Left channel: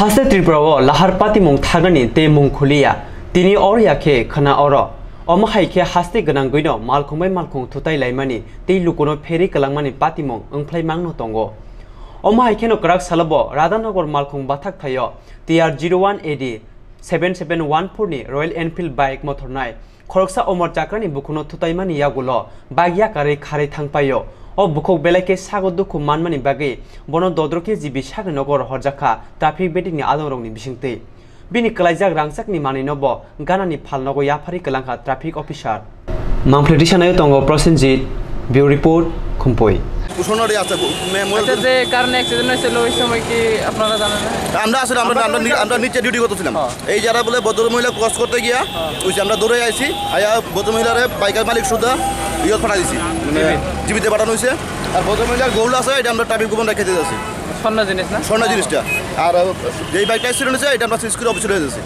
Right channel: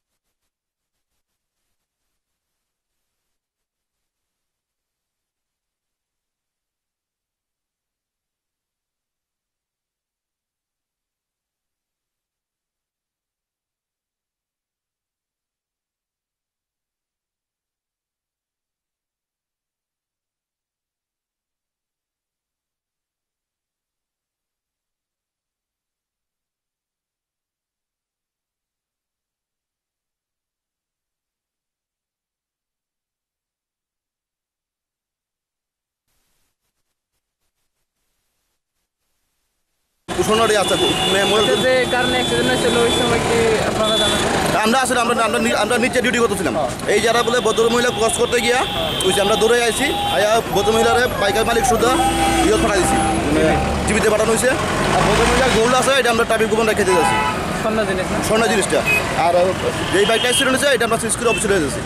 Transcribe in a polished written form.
हासे त्रिपुराओ लाहार पाती मुंग थागनी ते मुंग खुलिया तिनी और याखे खना और अमहाइखे हास्ते गनां गइनो मालखुंबाय मालखुं थुताय लाइमानि ते लुकुनो फेरि कलांमानि पाती मुंग ओंफ्लाय मांनो तंगो अमहाइखेनो कराक सालबो राधानगर मालखुं बाथाक थायो TR 01 AD 7714 नि रॉयल एनफील्ड बाइक मथरनाय खरकसा अमर चाक्रानि बुकुनो थुतायमानि यागुलो बागिया कारे खारे थांपायो ओ बुखौ बेलाके सागो दुखु मानमानि बागै बनो दद्रके जिबि सागनगर हरजाखा ट्राफिक बेटिंनि आदरंनि बिसिंते बिनि कलाइजाक रांसाकनि मानिनोबो गानानि फालनगो याफारि कलांखा ट्राफिक ऑफिसार मामफ्लेदि सानाय तंगो प्रसेनजित बिउ रिपोर्ट खुमपय উঠোনরে আছে আচ্ছা যে কারণে অ্যাক্সিডেন্ট হয়েছিল ওই সময় কি আপনারা জানেন আমরা আসলে আমরা নিচে ডিউটি করতেছিলাম এই যারা বলে ভদ্র মহিলা ক্রস করতে গিয়া ওই আমরা দৌড়ে আইছি আয়া ভদ্র মহিলারে বাইকের মালিক সুদা ইয়ত ফাটা দিছি জীবিতে পাঠানো হয়েছে আর ভদ্র মহিলার গোল আছে এটা আমরা ট্রাফিক গোপন রেখে দিয়েছি স্বর্ণ জিনিস না স্বর্ণ জিনিসটা আর যেই বাইকটা অ্যাক্সিডেন্ট হয়েছে এটা আমরা সিসির অফিসে রয়ে যাচ্ছি